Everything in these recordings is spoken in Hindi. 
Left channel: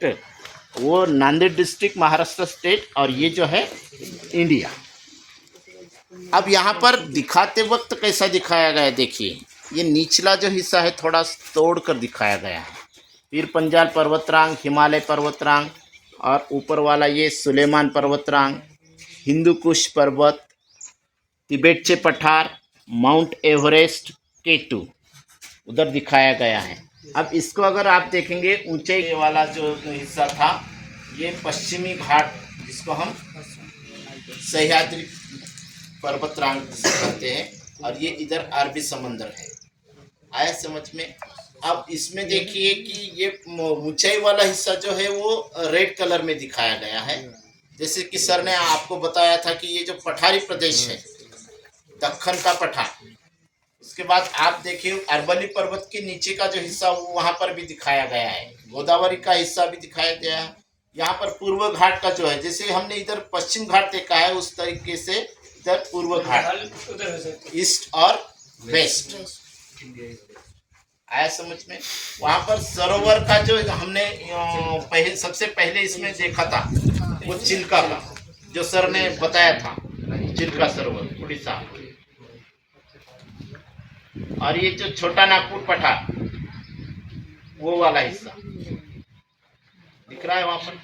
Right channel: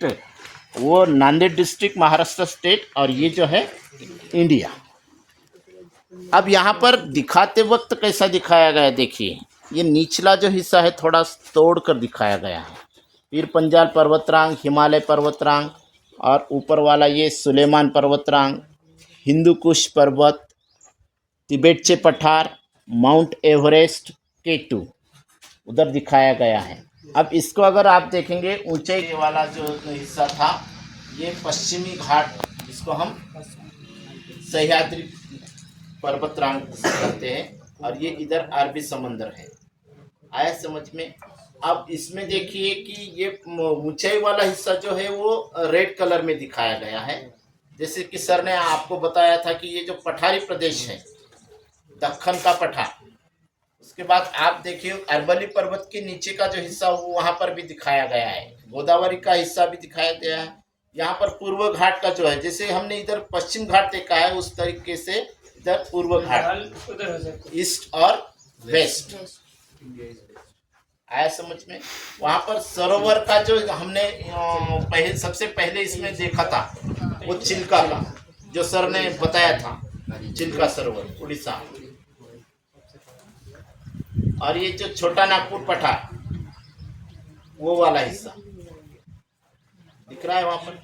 डिस्ट्रिक्ट, वो नांदेड़ डिस्ट्रिक्ट महाराष्ट्र स्टेट, और ये जो है इंडिया। अब यहाँ पर दिखाते वक्त कैसा दिखाया गया है, देखिए ये निचला जो हिस्सा है थोड़ा तोड़ कर दिखाया गया है। फिर पंजाल पर्वतरांग, हिमालय पर्वतरांग, और ऊपर वाला ये सुलेमान पर्वतरांग, हिंदू कुश पर्वत, तिबेटचे पठार, माउंट एवरेस्ट, केटू उधर दिखाया गया है। अब इसको अगर आप देखेंगे, ऊंचाई वाला जो हिस्सा था ये पश्चिमी घाट, जिसको हम सह्याद्री पर्वतरांग कहते हैं, और ये इधर अरबी समंदर है। आया समझ में? अब इसमें देखिए कि ये ऊंचाई वाला हिस्सा जो है वो रेड कलर में दिखाया गया है। जैसे कि सर ने आपको बताया था कि ये जो पठारी प्रदेश है, दक्कन का पठार, उसके बाद आप देखिए अरवली पर्वत के नीचे का जो हिस्सा वो वहाँ पर भी दिखाया गया है, गोदावरी का हिस्सा भी दिखाया गया है। यहाँ पर पूर्व घाट का जो है, जैसे हमने इधर पश्चिम घाट देखा है उस तरीके से इधर पूर्व घाट, ईस्ट और वेस्ट। आया समझ में? वहाँ पर सरोवर का जो हमने सबसे पहले इसमें देखा था वो चिल्का का, जो सर ने बताया था, चिल्का सरोवर उड़ीसा। और ये जो छोटा नागपुर पठार, वो वाला हिस्सा दिख रहा है वहाँ पर।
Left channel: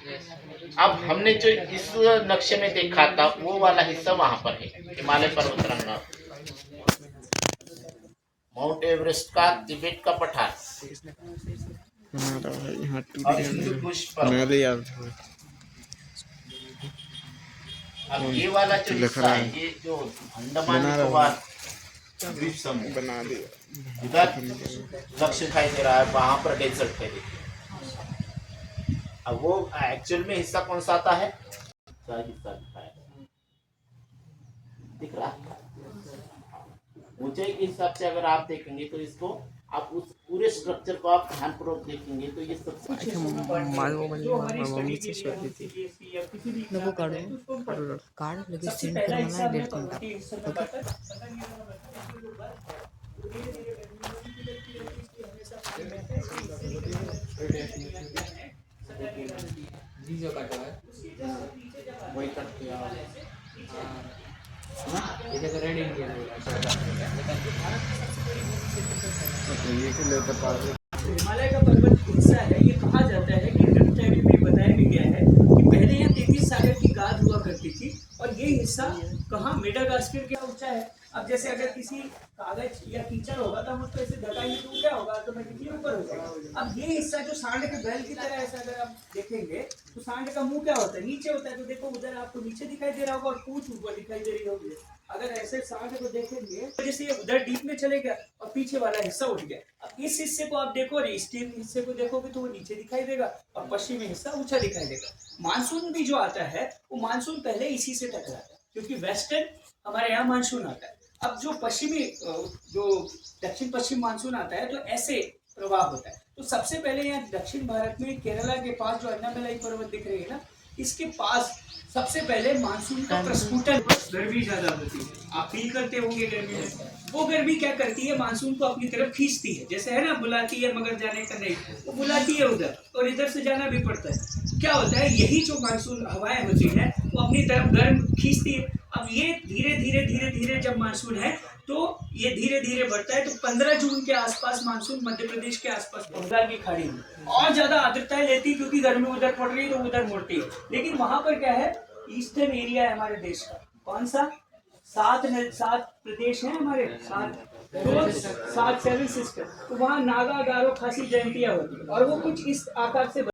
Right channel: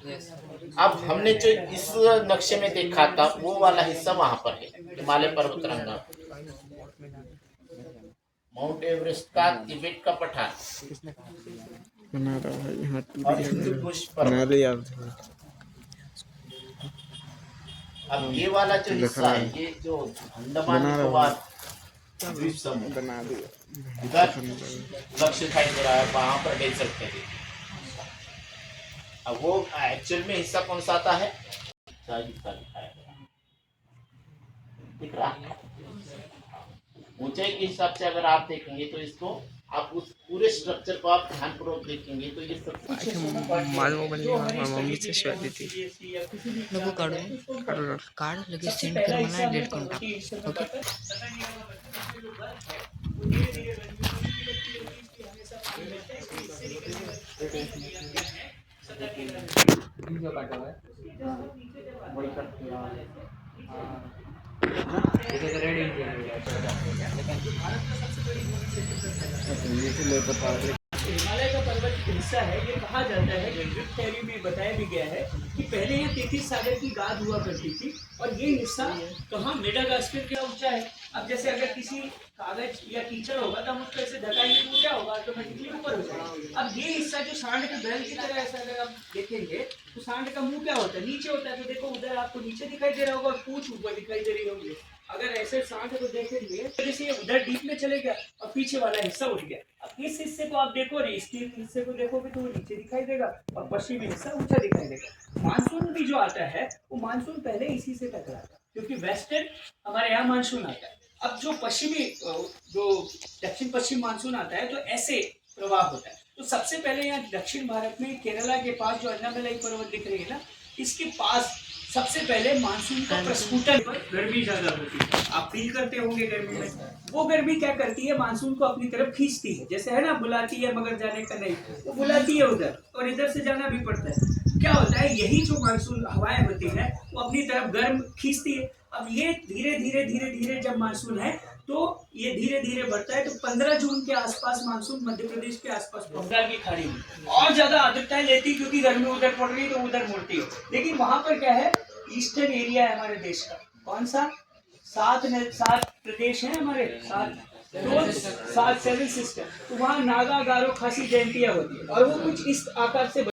अब हमने जो इस नक्शे में देखा था वो वाला हिस्सा वहाँ पर है, हिमालय पर्वतरांग, माउंट एवरेस्ट का, तिब्बत का पठार, और हिंदू कुश पर्वत। अब ये वाला जो हिस्सा है, ये जो अंडमान निकोबार द्वीप समूह बना दिया, उधर लक्ष्य दिखाई दे रहा है, वहां पर डेजर्ट है। अब वो एक्चुअल में हिस्सा कौन सा आता है, दिख रहा है। ऊंचाई के हिसाब से अगर आप देखेंगे तो इसको आप उस पूरे स्ट्रक्चर को आप ध्यानपूर्वक देखेंगे तो ये सब मम्मी से शिवाय थी नको काढू काढ लगेच सेंड कर मला डेट करून टाक ओके वीडियो काटा है वही करते हैं हां इधर रेडी हिमालय का पर्वत हिस्सा है। ये कहा जाता है कि ग्रंथों में बताया भी गया है कि पहले यहाँ 33 सागर की गाद हुआ करती थी, और ये हिस्सा कहाँ मेडागास्कर के ऊंचा है। अब जैसे अगर किसी कागज या कीचड़ होगा तो हम उसको ऐसे धकाएंगे तो क्या होगा, ऑटोमेटिकली ऊपर हो जाएगा। अब ये हिस्सा जो सांड के बैल की तरह ऐसा अगर आप देखेंगे तो सांड का मुंह क्या होता है, नीचे होता है। तो देखो उधर आपको नीचे दिखाई दे रहा होगा और पूंछ ऊपर दिखाई दे रही होगी। अगर ऐसे सांड को देखेंगे तो जैसे ये उधर डीप में चले गया और पीछे वाला हिस्सा उठ गया। अब इस हिस्से को आप देखो और इस हिस्से को देखोगे तो वो नीचे दिखाई देगा और पश्चिमी हिस्सा ऊंचा दिखाई देगा। मानसून भी जो आता है वो मानसून पहले इसी से टकराता है, क्योंकि वेस्टर्न हमारे यहाँ मानसून आता है। अब जो पश्चिमी जो दक्षिण पश्चिम मानसून आता है तो ऐसे प्रवाह होता है। तो सबसे पहले यहाँ दक्षिण भारत में केरला के पास जो अन्नामलाई पर्वत दिख रही है ना, इसके पास सबसे पहले मानसून का प्रस्फुटन, गर्मी ज्यादा होती है, आप फील करते होंगे गर्मी में। वो गर्मी क्या करती है, मानसून को अपनी तरफ खींचती है। जैसे है ना, बुलाती है मगर जाने का नहीं, वो बुलाती है उधर और इधर से जाना भी पड़ता है। क्या होता है, यही जो मानसून हवाएं होती है वो अपनी तरफ गर्म खींचती है। अब ये धीरे धीरे धीरे धीरे जब मानसून है तो ये धीरे धीरे बढ़ता है। तो 15 जून के आसपास मानसून मध्य प्रदेश के आसपास बंगाल की खाड़ी में और ज्यादा आर्द्रताएं लेती, क्योंकि गर्मी उधर पड़ रही है तो उधर मुड़ती है। लेकिन वहां पर क्या है, ईस्टर्न एरिया है हमारे देश का। कौन सा? 7 प्रदेश हैं हमारे, 7 7 सिस्टम। तो वहाँ नागा, गारो, खासी जयंतियाँ होती है और वो कुछ इस आकार से